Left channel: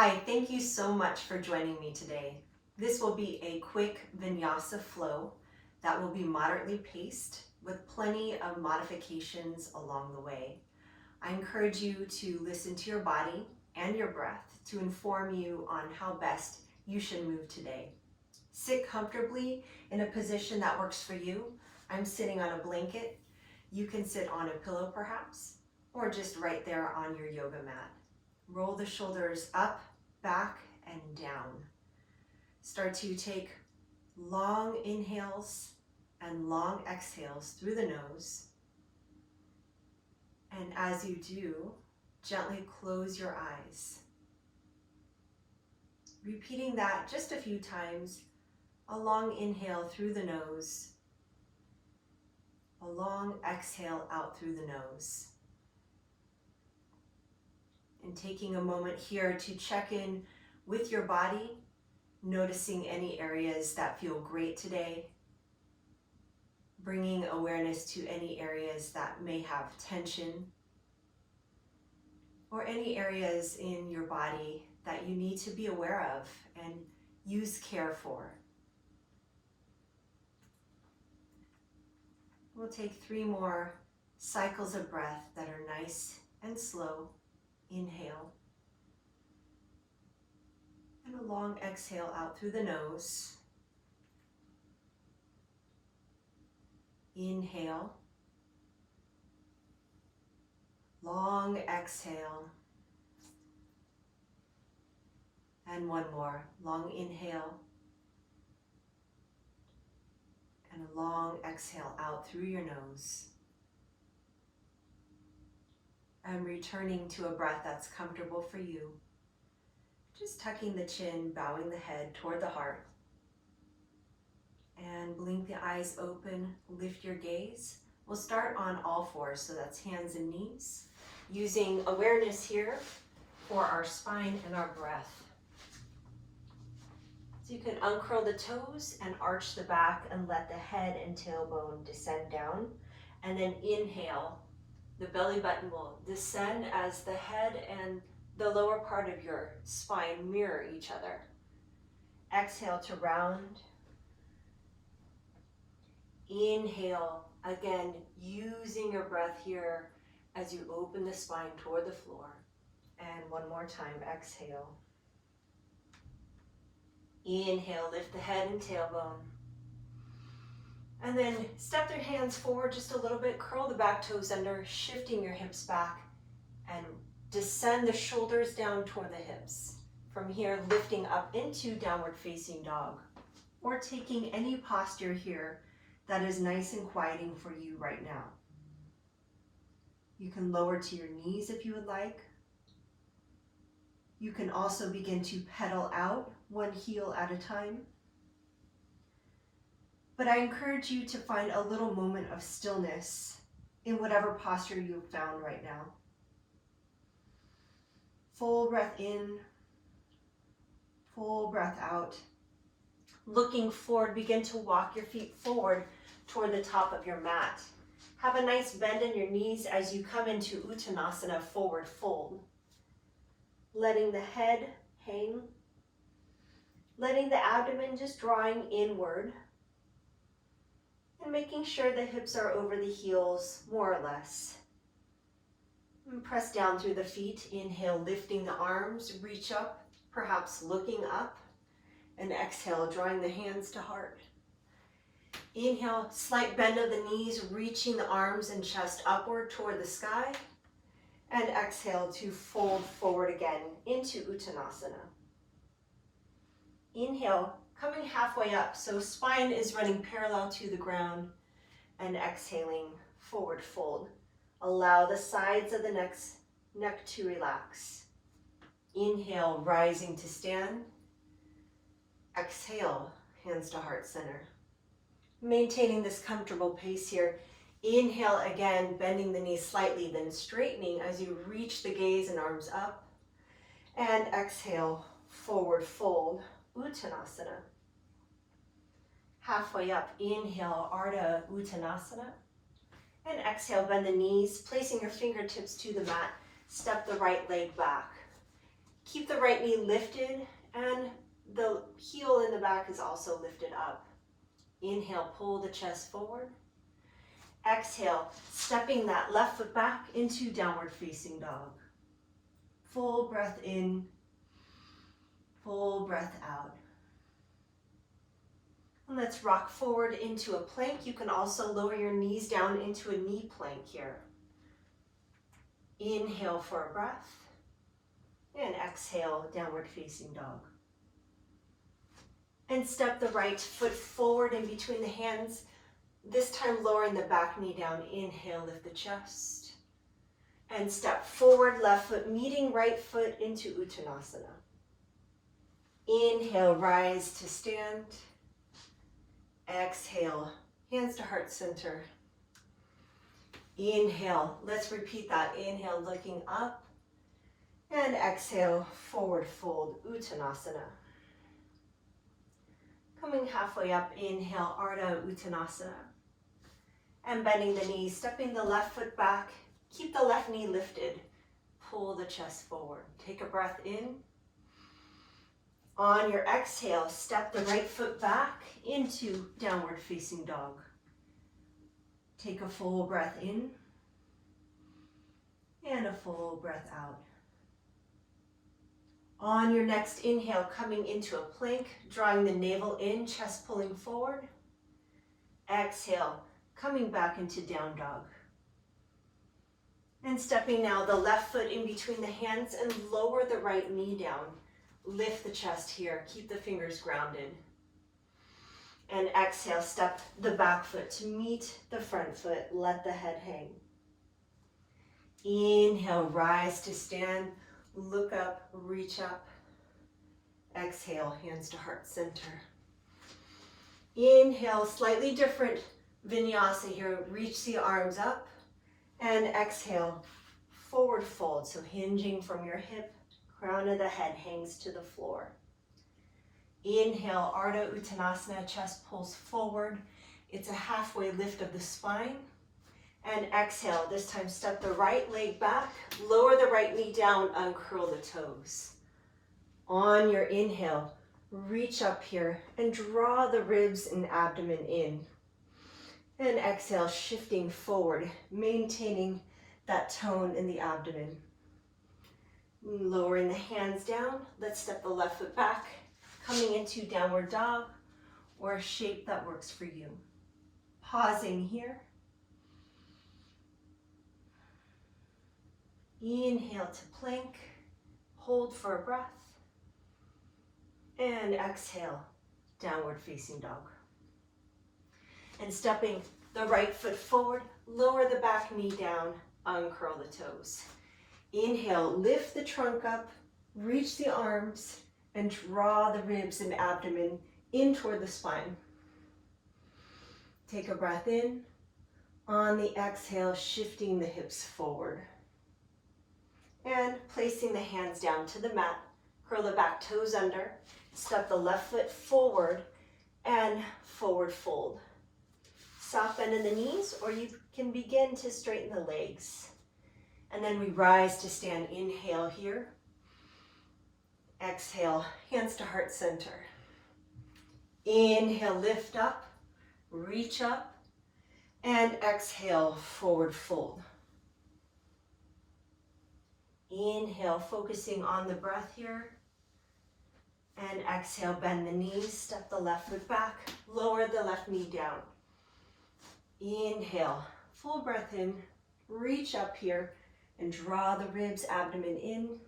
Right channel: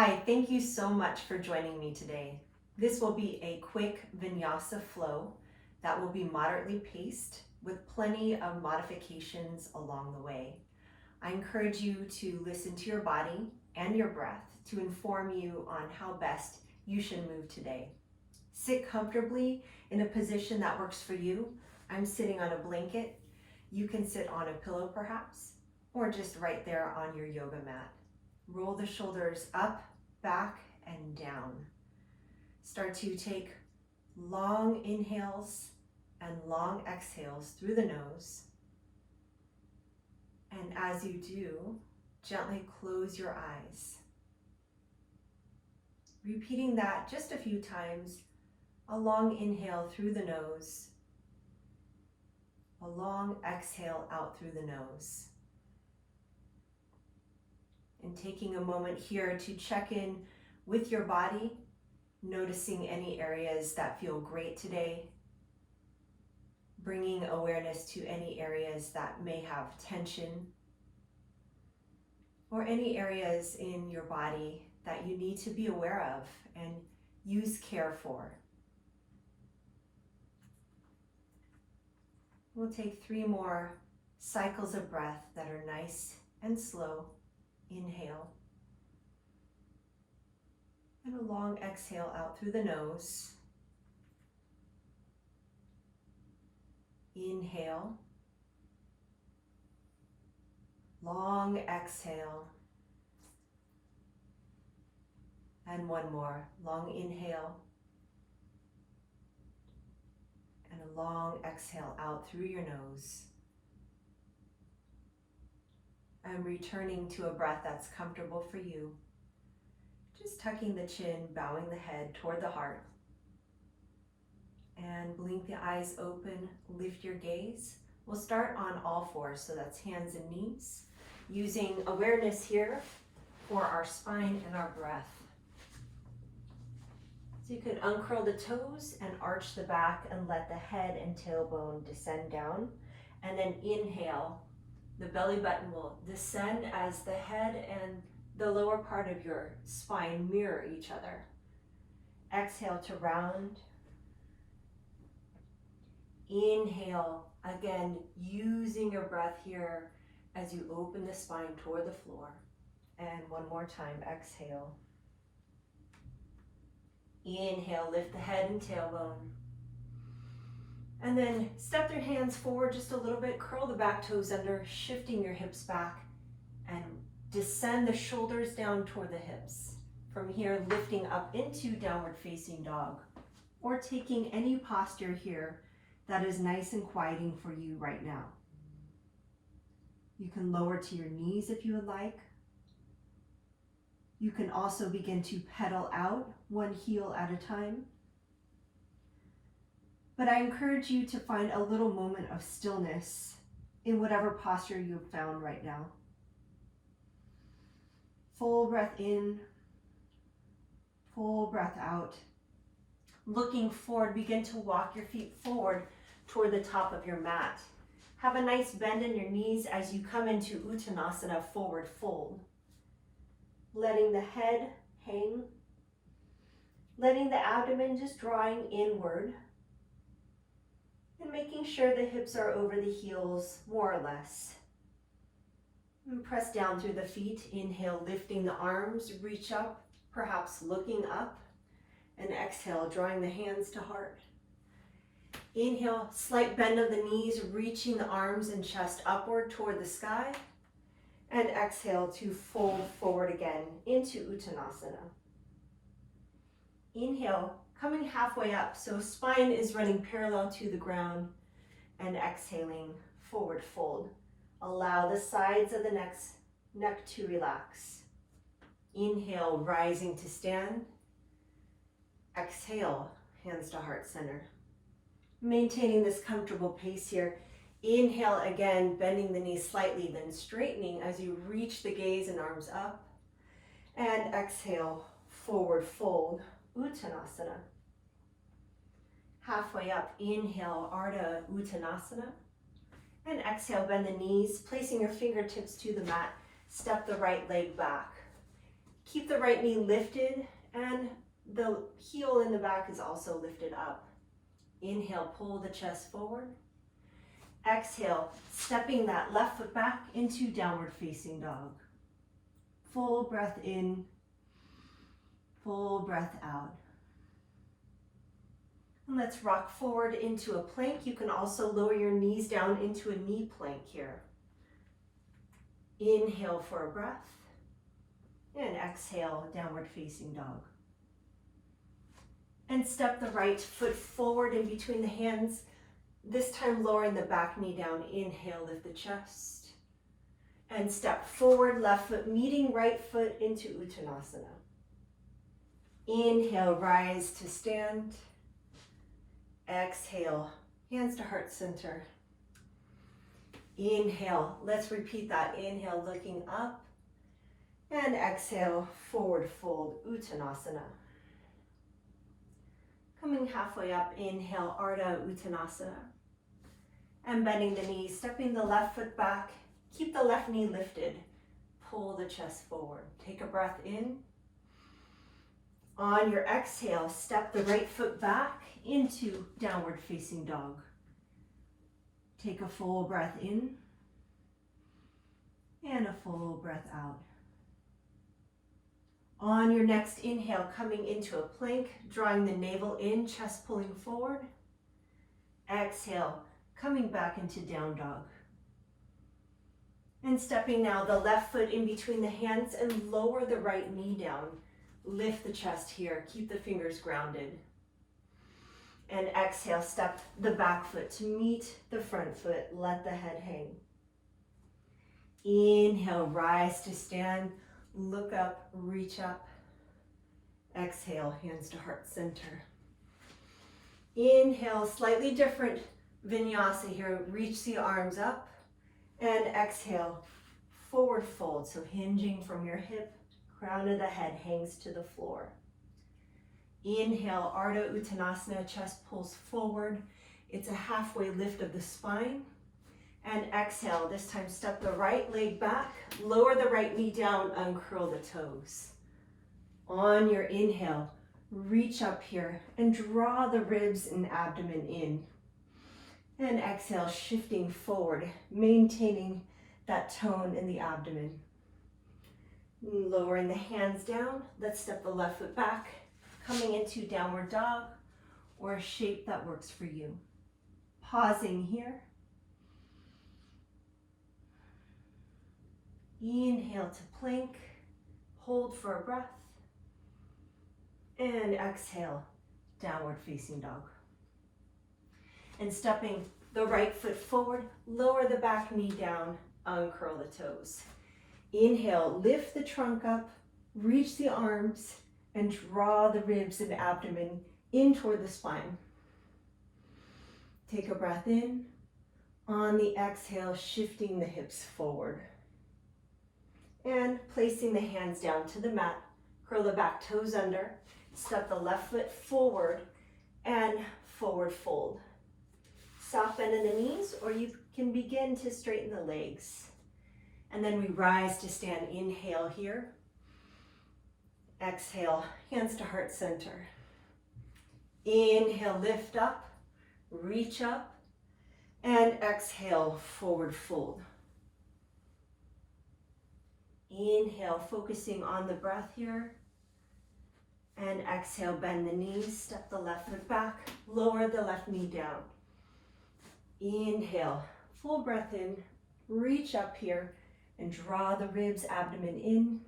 Hi, thank you so much for joining me today. This will be a quick Vinyasa flow that will be moderately paced with plenty of modifications along the way. I encourage you to listen to your body and your breath to inform you on how best you should move today. Sit comfortably in a position that works for you. I'm sitting on a blanket. You can sit on a pillow perhaps, or just right there on your yoga mat. Roll the shoulders up, back, and down. Start to take long inhales and long exhales through the nose. And as you do, gently close your eyes. Repeating that just a few times, a long inhale through the nose, a long exhale out through the nose. And taking a moment here to check in with your body, noticing any areas that feel great today, bringing awareness to any areas that may have tension, or any areas in your body that you need to be aware of and use care for. We'll take 3 more cycles of breath that are nice and slow. Inhale. And a long exhale out through the nose. Inhale. Long exhale. And one more. Long inhale. And a long exhale out through your nose. And returning to a breath that's comfortable for you. Just tucking the chin, bowing the head toward the heart. And blink the eyes open, lift your gaze. We'll start on all fours, so that's hands and knees. Using awareness here for our spine and our breath. So you can uncurl the toes and arch the back and let the head and tailbone descend down. And then inhale. The belly button will descend as the head and the lower part of your spine mirror each other. Exhale to round. Inhale, again, using your breath here as you open the spine toward the floor. And one more time, exhale. Inhale, lift the head and tailbone. And then step your hands forward just a little bit, curl the back toes under, shifting your hips back, and descend the shoulders down toward the hips. From here, lifting up into downward facing dog, or taking any posture here that is nice and quieting for you right now. You can lower to your knees if you would like. You can also begin to pedal out one heel at a time. But I encourage you to find a little moment of stillness in whatever posture you've found right now. Full breath in, full breath out. Looking forward, begin to walk your feet forward toward the top of your mat. Have a nice bend in your knees as you come into Uttanasana, forward fold. Letting the head hang, letting the abdomen just drawing inward. And making sure the hips are over the heels, more or less. And press down through the feet. Inhale, lifting the arms, reach up, perhaps looking up. And exhale, drawing the hands to heart. Inhale, slight bend of the knees, reaching the arms and chest upward toward the sky. And exhale to fold forward again into Uttanasana. Inhale, coming halfway up, so spine is running parallel to the ground, and exhaling, forward fold. Allow the sides of the neck to relax. Inhale, rising to stand. Exhale, hands to heart center. Maintaining this comfortable pace here. Inhale again, bending the knees slightly, then straightening as you reach the gaze and arms up. And exhale, forward fold, Uttanasana. Halfway up, inhale, Ardha Uttanasana. And exhale, bend the knees, placing your fingertips to the mat. Step the right leg back. Keep the right knee lifted and the heel in the back is also lifted up. Inhale, pull the chest forward. Exhale, stepping that left foot back into downward facing dog. Full breath in, full breath out. And let's rock forward into a plank. You can also lower your knees down into a knee plank here. Inhale for a breath, and exhale, downward facing dog. And step the right foot forward in between the hands, this time lowering the back knee down. Inhale, lift the chest. And step forward, left foot meeting right foot into Uttanasana. Inhale, rise to stand. Exhale, hands to heart center. Inhale, let's repeat that. Inhale, looking up. And exhale, forward fold, Uttanasana. Coming halfway up, inhale, Ardha Uttanasana. And bending the knees, stepping the left foot back. Keep the left knee lifted. Pull the chest forward. Take a breath in. On your exhale, step the right foot back into downward facing dog. Take a full breath in and a full breath out. On your next inhale, coming into a plank, drawing the navel in, chest pulling forward. Exhale, coming back into down dog. And stepping now the left foot in between the hands and lower the right knee down. Lift the chest here, keep the fingers grounded. And exhale, step the back foot to meet the front foot, let the head hang. Inhale, rise to stand, look up, reach up. Exhale, hands to heart center. Inhale, slightly different Vinyasa here, reach the arms up. And exhale, forward fold, so hinging from your hip, crown of the head hangs to the floor. Inhale, Ardha Uttanasana, chest pulls forward. It's a halfway lift of the spine. And exhale, this time step the right leg back, lower the right knee down, uncurl the toes. On your inhale, reach up here and draw the ribs and abdomen in. And exhale, shifting forward, maintaining that tone in the abdomen. Lowering the hands down, let's step the left foot back, coming into downward dog or a shape that works for you. Pausing here. Inhale to plank, hold for a breath, and exhale, downward facing dog. And stepping the right foot forward, lower the back knee down, uncurl the toes. Inhale, lift the trunk up, reach the arms, and draw the ribs and abdomen in toward the spine. Take a breath in. On the exhale, shifting the hips forward. And placing the hands down to the mat, curl the back toes under, step the left foot forward, and forward fold. Soft bend in the knees, or you can begin to straighten the legs. And then we rise to stand. Inhale here. Exhale, hands to heart center. Inhale, lift up, reach up, and exhale, forward fold. Inhale, focusing on the breath here. And exhale, bend the knees, step the left foot back, lower the left knee down. Inhale, full breath in, reach up here and draw the ribs, abdomen in.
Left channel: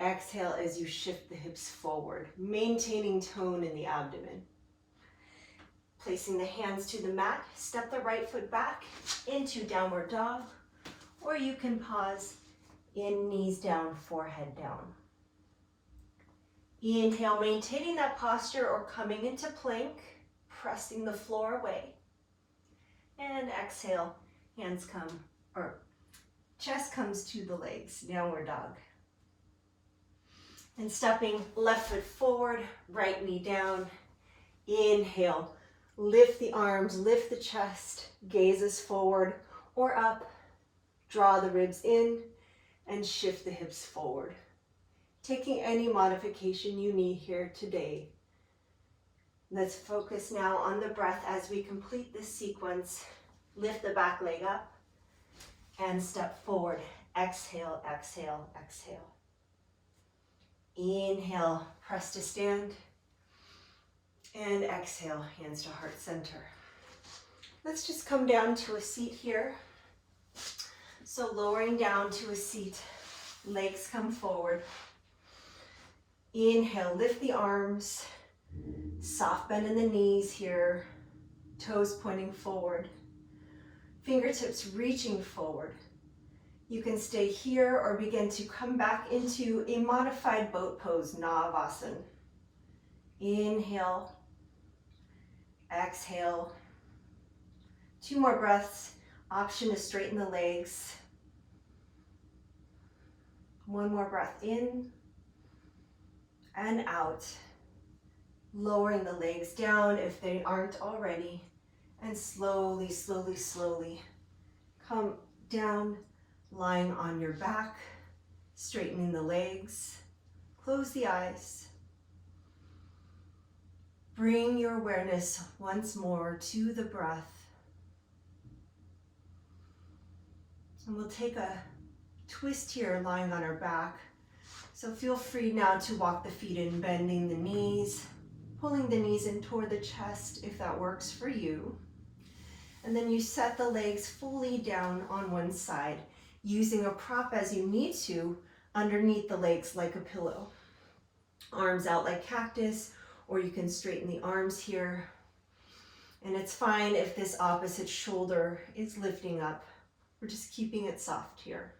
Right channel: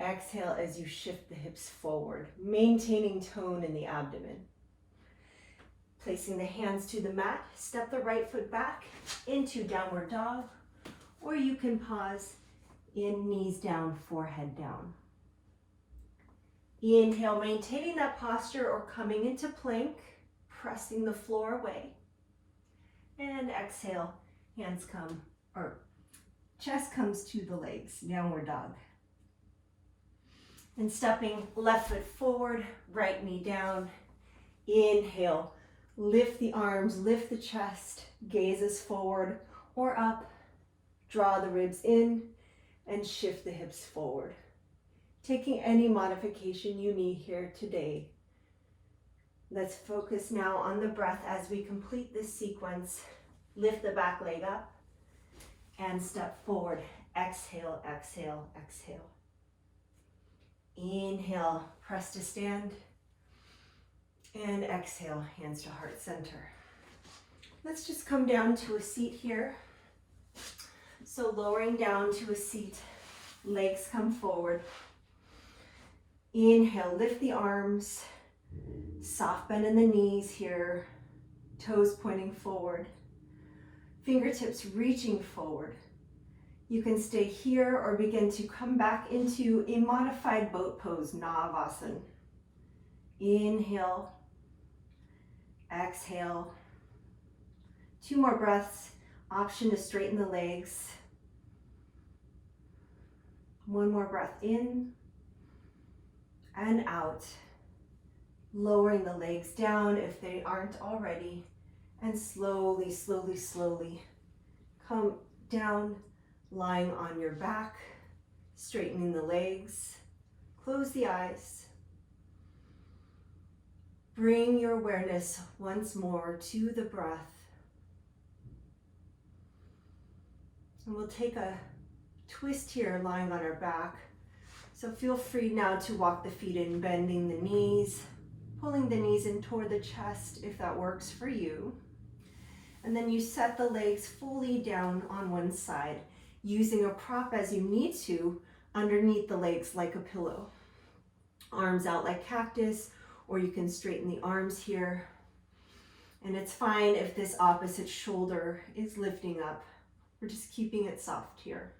Exhale as you shift the hips forward, maintaining tone in the abdomen. Placing the hands to the mat, step the right foot back into downward dog, or you can pause in knees down, forehead down. Inhale, maintaining that posture or coming into plank, pressing the floor away. And exhale, hands come, or chest comes to the legs, downward dog. And stepping left foot forward, right knee down. Inhale, lift the arms, lift the chest, gazes forward or up. Draw the ribs in and shift the hips forward. taking any modification you need here today. Let's focus now on the breath as we complete this sequence. Lift the back leg up and step forward. Exhale, exhale, exhale. Inhale, press to stand. And exhale, hands to heart center. Let's just come down to a seat here. So lowering down to a seat, legs come forward. Inhale, lift the arms, soft bend in the knees here, toes pointing forward, fingertips reaching forward. You can stay here or begin to come back into a modified boat pose, Navasana. Inhale, exhale. 2 more breaths, option to straighten the legs. 1 more breath in and out. Lowering the legs down if they aren't already. And slowly, slowly, slowly come down, lying on your back, straightening the legs. Close the eyes. Bring your awareness once more to the breath. And we'll take a twist here, lying on our back. So feel free now to walk the feet in, bending the knees, pulling the knees in toward the chest if that works for you. And then you set the legs fully down on one side, using a prop as you need to underneath the legs like a pillow. Arms out like cactus, or you can straighten the arms here. And it's fine if this opposite shoulder is lifting up. We're just keeping it soft here.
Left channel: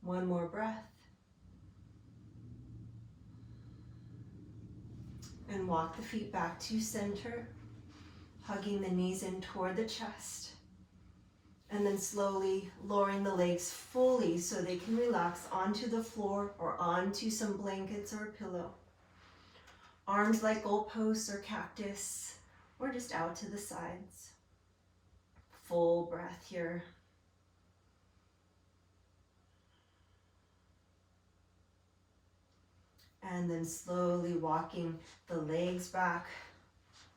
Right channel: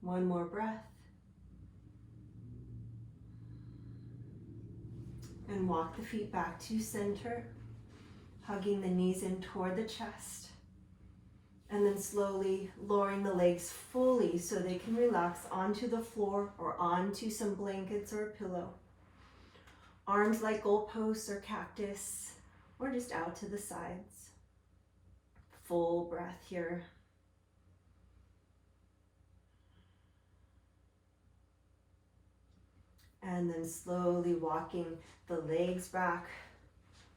One more breath. And walk the feet back to center, hugging the knees in toward the chest. And then slowly lowering the legs fully so they can relax onto the floor or onto some blankets or a pillow. Arms like goalposts or cactus, or just out to the sides. Full breath here. And then slowly walking the legs back,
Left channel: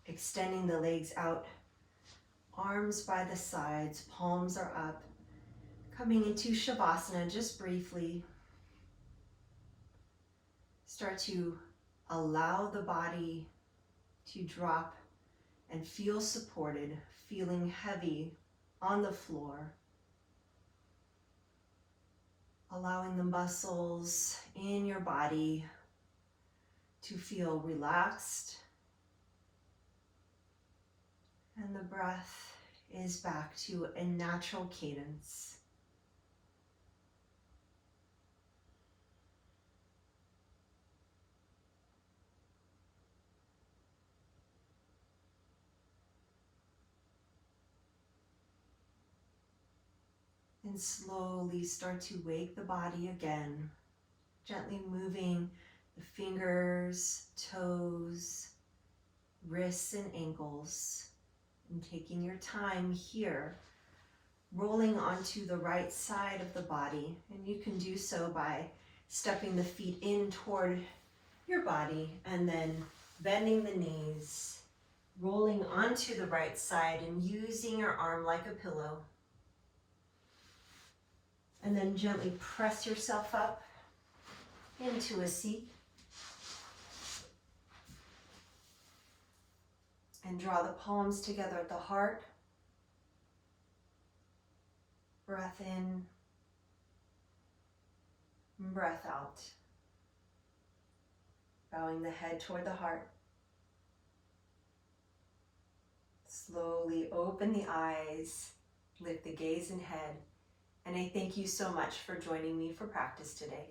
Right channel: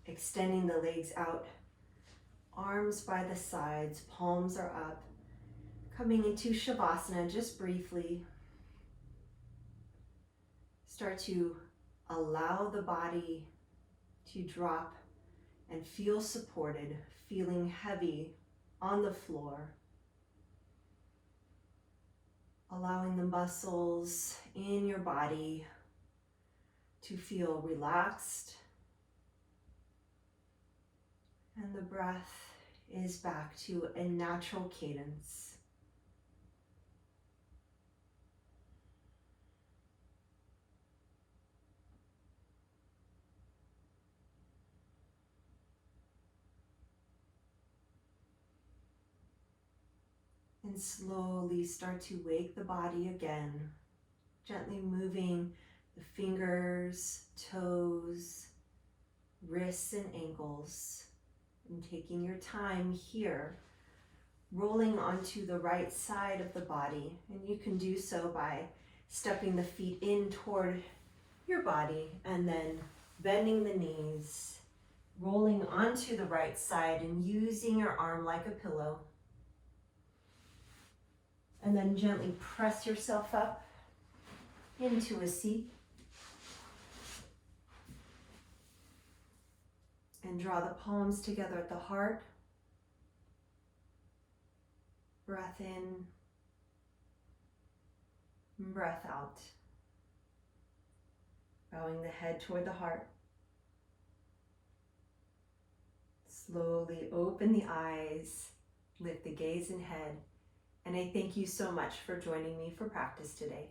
extending the legs out. Arms by the sides, palms are up. Coming into Shavasana just briefly. Start to allow the body to drop and feel supported, feeling heavy on the floor. Allowing the muscles in your body to feel relaxed. And the breath is back to a natural cadence. And slowly start to wake the body again, gently moving the fingers, toes, wrists, and ankles. And taking your time here, rolling onto the right side of the body. And you can do so by stepping the feet in toward your body and then bending the knees, rolling onto the right side and using your arm like a pillow. And then gently press yourself up into a seat. And draw the palms together at the heart. Breath in, breath out. Bowing the head toward the heart. Slowly open the eyes, lift the gaze and head. And I thank you so much for joining me for practice today.